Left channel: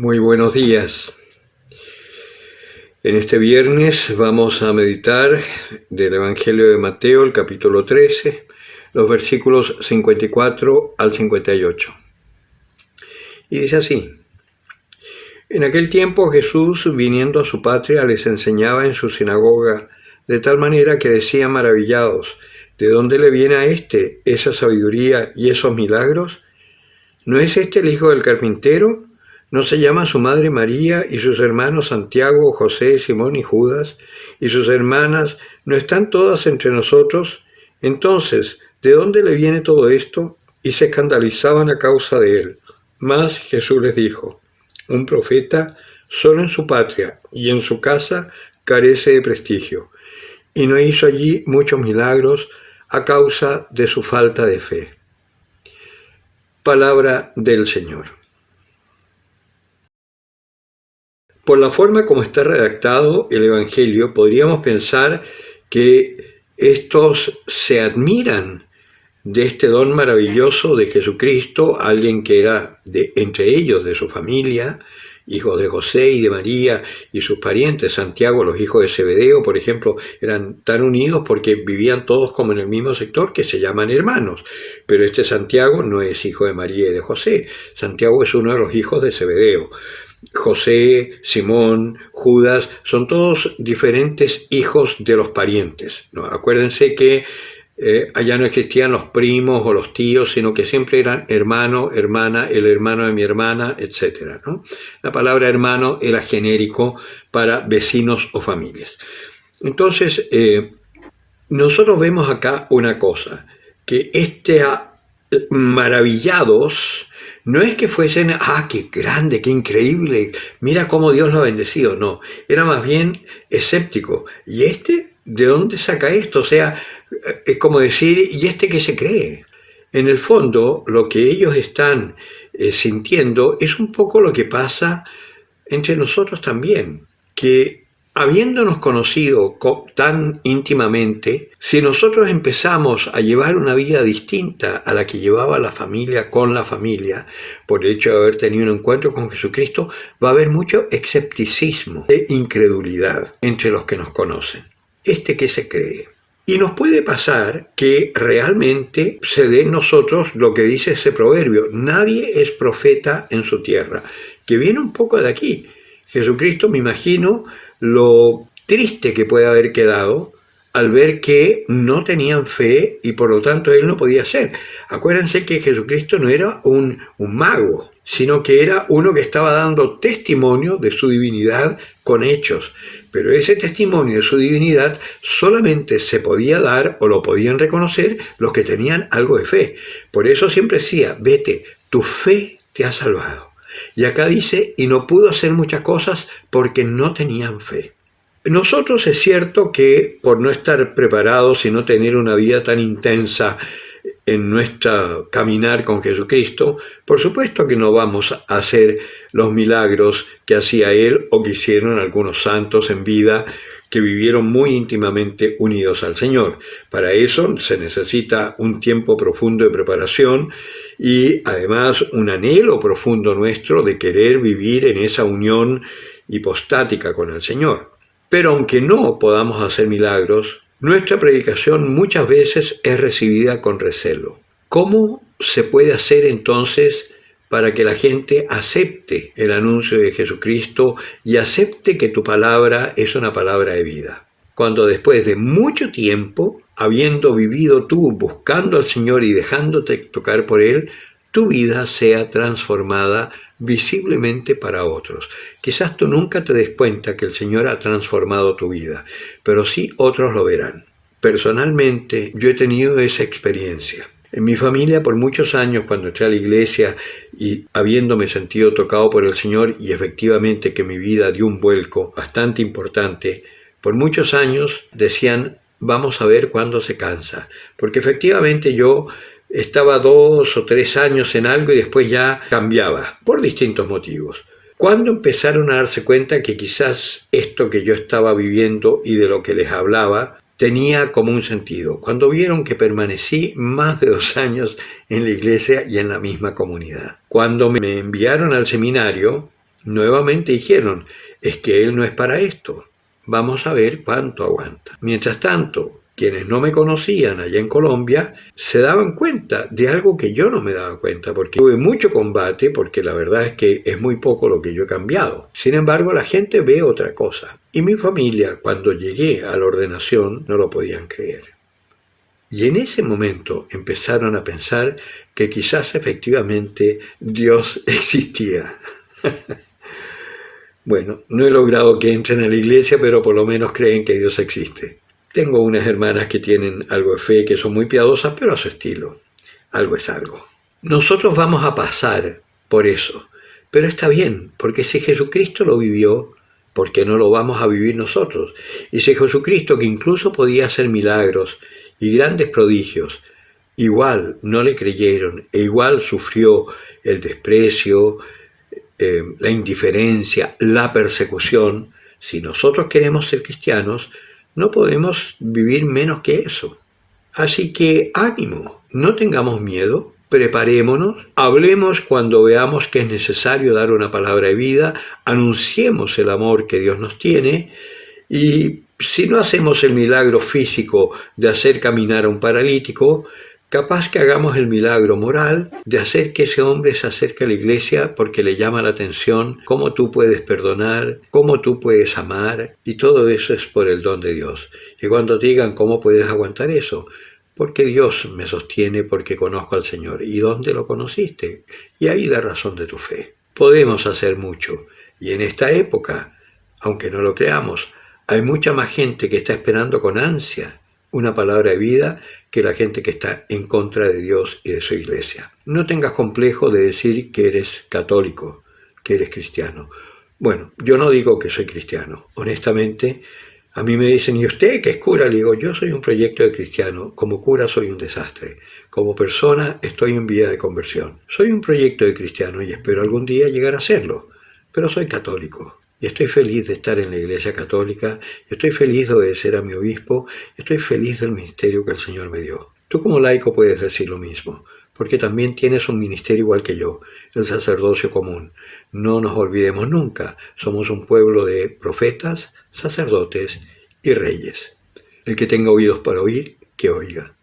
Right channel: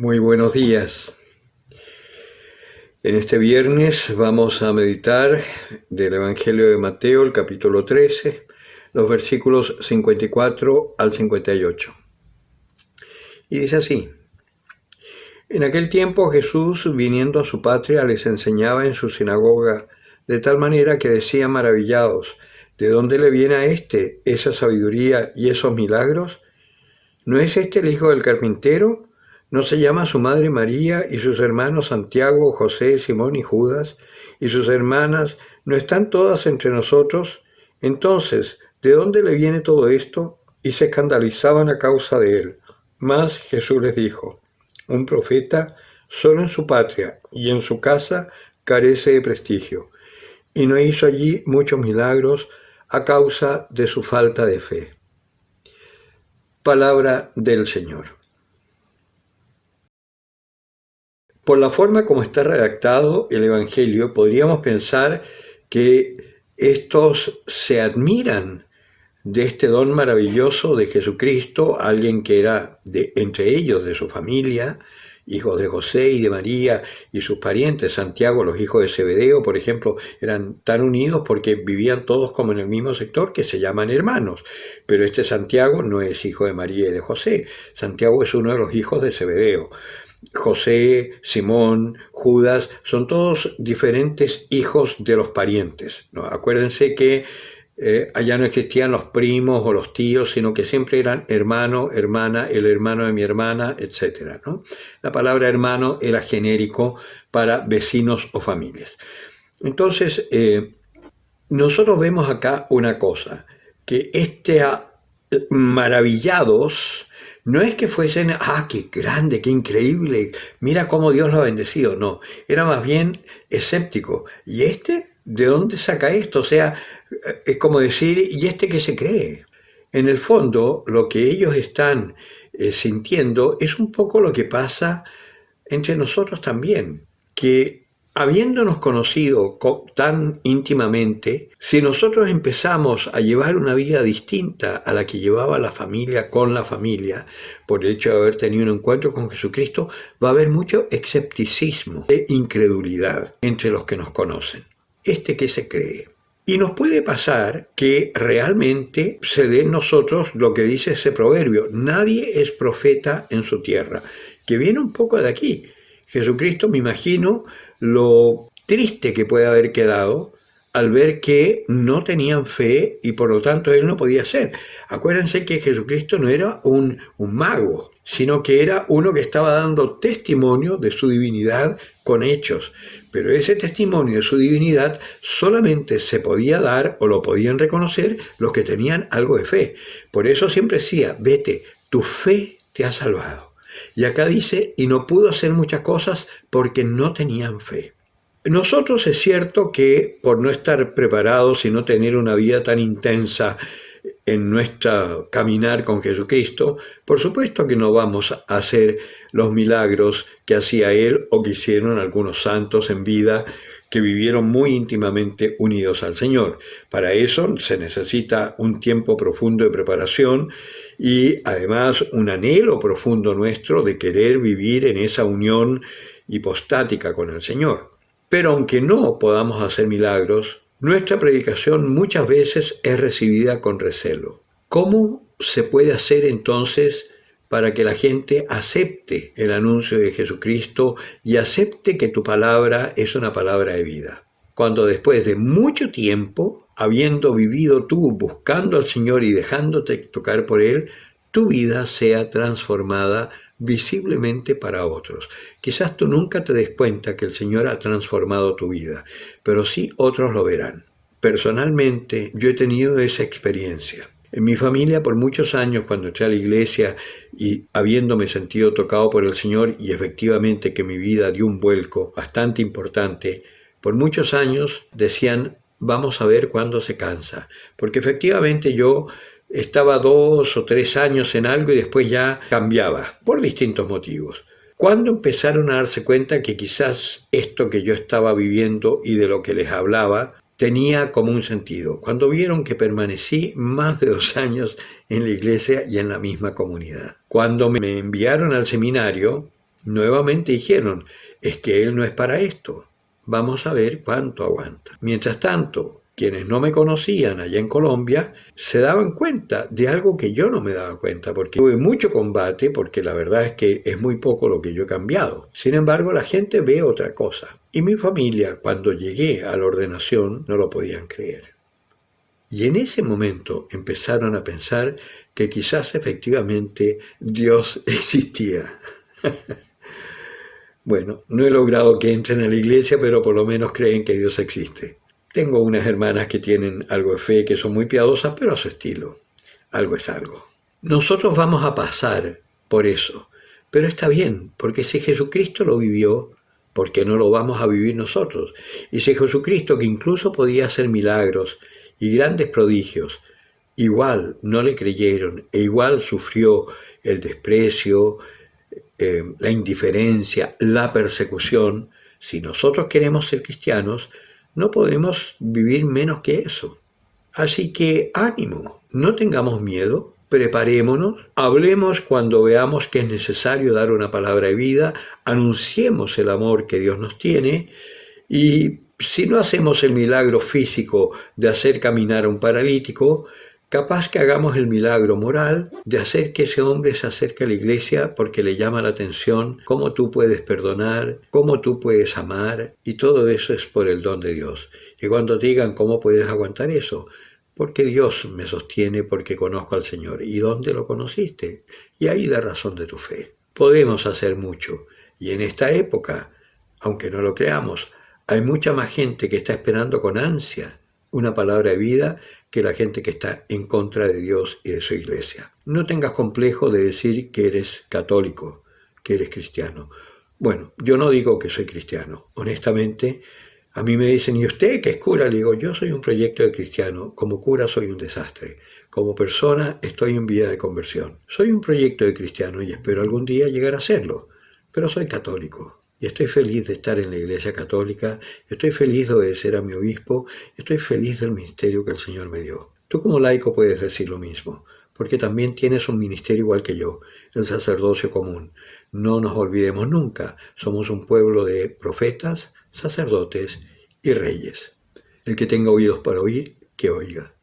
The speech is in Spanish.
Muy buenos días. En este viernes vamos a meditar del Evangelio de Mateo, el capítulo 13, los versículos 54 al 58. Y dice así: En aquel tiempo Jesús, viniendo a su patria, les enseñaba en su sinagoga, de tal manera que decían maravillados: ¿de dónde le viene a éste esa sabiduría y esos milagros? ¿No es este el hijo del carpintero? ¿No se llama su madre María y sus hermanos Santiago, José, Simón y Judas? ¿Y sus hermanas no están todas entre nosotros? Entonces, ¿de dónde le viene todo esto? Y se escandalizaban a causa de él. Mas Jesús les dijo: un profeta solo en su patria y en su casa carece de prestigio. Y no hizo allí muchos milagros a causa de su falta de fe. Palabra del Señor. Por la forma como está redactado el Evangelio, podríamos pensar que estos se admiran de este don maravilloso de Jesucristo, alguien que era entre ellos, de su familia, hijos de José y de María y sus parientes. Santiago, los hijos de Zebedeo, por ejemplo, eran tan unidos porque vivían todos como en el mismo sector, que se llaman hermanos. Pero este Santiago no es hijo de María y de José. Santiago es uno de los hijos de Zebedeo. José, Simón, Judas, son todos diferentes hijos de los parientes, ¿no? Acuérdense que allá no existían los primos o los tíos, sino que siempre eran hermano, hermana, el hermano de mi hermana, etc., ¿no? La palabra hermano era genérico para vecinos o familias. Entonces, nosotros vemos acá una cosa, que maravillados no es que fuesen, qué grande, qué increíble, mira cómo Dios lo ha bendecido, no, era más bien escéptico. ¿Y de dónde saca esto? O sea, es como decir, ¿y qué se cree? En el fondo, lo que ellos están sintiendo es un poco lo que pasa entre nosotros también, que habiéndonos conocido tan íntimamente, si nosotros empezamos a llevar una vida distinta a la que llevaba la familia con la familia, por el hecho de haber tenido un encuentro con Jesucristo, va a haber mucho escepticismo e incredulidad entre los que nos conocen. ¿Qué se cree? Y nos puede pasar que realmente se dé en nosotros lo que dice ese proverbio: nadie es profeta en su tierra, que viene un poco de aquí. Jesucristo, me imagino lo triste que puede haber quedado al ver que no tenían fe y por lo tanto él no podía ser. Acuérdense que Jesucristo no era un mago, sino que era uno que estaba dando testimonio de su divinidad con hechos. Pero ese testimonio de su divinidad solamente se podía dar o lo podían reconocer los que tenían algo de fe. Por eso siempre decía: vete, tu fe te ha salvado. Y acá dice: y no pudo hacer muchas cosas porque no tenían fe. Nosotros es cierto que por no estar preparados y no tener una vida tan intensa en nuestro caminar con Jesucristo, por supuesto que no vamos a hacer los milagros que hacía Él o que hicieron algunos santos en vida que vivieron muy íntimamente unidos al Señor. Para eso se necesita un tiempo profundo de preparación y además un anhelo profundo nuestro de querer vivir en esa unión hipostática con el Señor. Pero aunque no podamos hacer milagros, nuestra predicación muchas veces es recibida con recelo. ¿Cómo se puede hacer entonces para que la gente acepte el anuncio de Jesucristo y acepte que tu palabra es una palabra de vida? Cuando después de mucho tiempo, habiendo vivido tú buscando al Señor y dejándote tocar por Él, tu vida sea transformada visiblemente para otros. Quizás tú nunca te des cuenta que el Señor ha transformado tu vida, pero sí otros lo verán. Personalmente, yo he tenido esa experiencia. En mi familia, por muchos años, cuando entré a la iglesia y habiéndome sentido tocado por el Señor y efectivamente que mi vida dio un vuelco bastante importante, por muchos años decían: vamos a ver cuándo se cansa, porque efectivamente yo estaba 2 o 3 años en algo y después ya cambiaba, por distintos motivos. ¿Cuándo empezaron a darse cuenta que quizás esto que yo estaba viviendo y de lo que les hablaba tenía como un sentido? Cuando vieron que permanecí más de 2 años en la iglesia y en la misma comunidad. Cuando me enviaron al seminario, Nuevamente dijeron, es que él no es para esto. Vamos a ver cuánto aguanta. Mientras tanto, quienes no me conocían allá en Colombia se daban cuenta de algo que yo no me daba cuenta, porque tuve mucho combate, porque la verdad es que es muy poco lo que yo he cambiado. Sin embargo, la gente ve otra cosa. Y mi familia, cuando llegué a la ordenación, no lo podían creer. Y en ese momento empezaron a pensar que quizás efectivamente Dios existía. Bueno, no he logrado que entren a la iglesia, pero por lo menos creen que Dios existe. Tengo unas hermanas que tienen algo de fe, que son muy piadosas, pero a su estilo. Algo es algo. Nosotros vamos a pasar por eso, pero está bien, porque si Jesucristo lo vivió, ¿por qué no lo vamos a vivir nosotros? Y si Jesucristo, que incluso podía hacer milagros y grandes prodigios, igual no le creyeron e igual sufrió el desprecio, la indiferencia, la persecución, si nosotros queremos ser cristianos, no podemos vivir menos que eso. Así que ánimo, no tengamos miedo, preparémonos, hablemos cuando veamos que es necesario dar una palabra de vida, anunciemos el amor que Dios nos tiene y si no hacemos el milagro físico de hacer caminar a un paralítico, capaz que hagamos el milagro moral de hacer que ese hombre se acerque a la iglesia porque le llama la atención cómo tú puedes perdonar, cómo tú puedes amar, y todo eso es por el don de Dios. Y cuando te digan cómo puedes aguantar eso, porque Dios me sostiene, porque conozco al Señor. ¿Y dónde lo conociste? Y ahí da razón de tu fe. Podemos hacer mucho. Y en esta época, aunque no lo creamos, hay mucha más gente que está esperando con ansia una palabra de vida que la gente que está en contra de Dios y de su iglesia. No tengas complejo de decir que eres católico, que eres cristiano. Bueno, yo no digo que soy cristiano. Honestamente, a mí me dicen, ¿y usted qué es cura? Le digo, yo soy un proyecto de cristiano. Como cura soy un desastre. Como persona estoy en vía de conversión. Soy un proyecto de cristiano y espero algún día llegar a serlo. Pero soy católico. Y estoy feliz de estar en la Iglesia Católica, estoy feliz de obedecer a mi obispo, estoy feliz del ministerio que el Señor me dio. Tú como laico puedes decir lo mismo, porque también tienes un ministerio igual que yo, el sacerdocio común. No nos olvidemos nunca, somos un pueblo de profetas, sacerdotes y reyes. El que tenga oídos para oír, que oiga.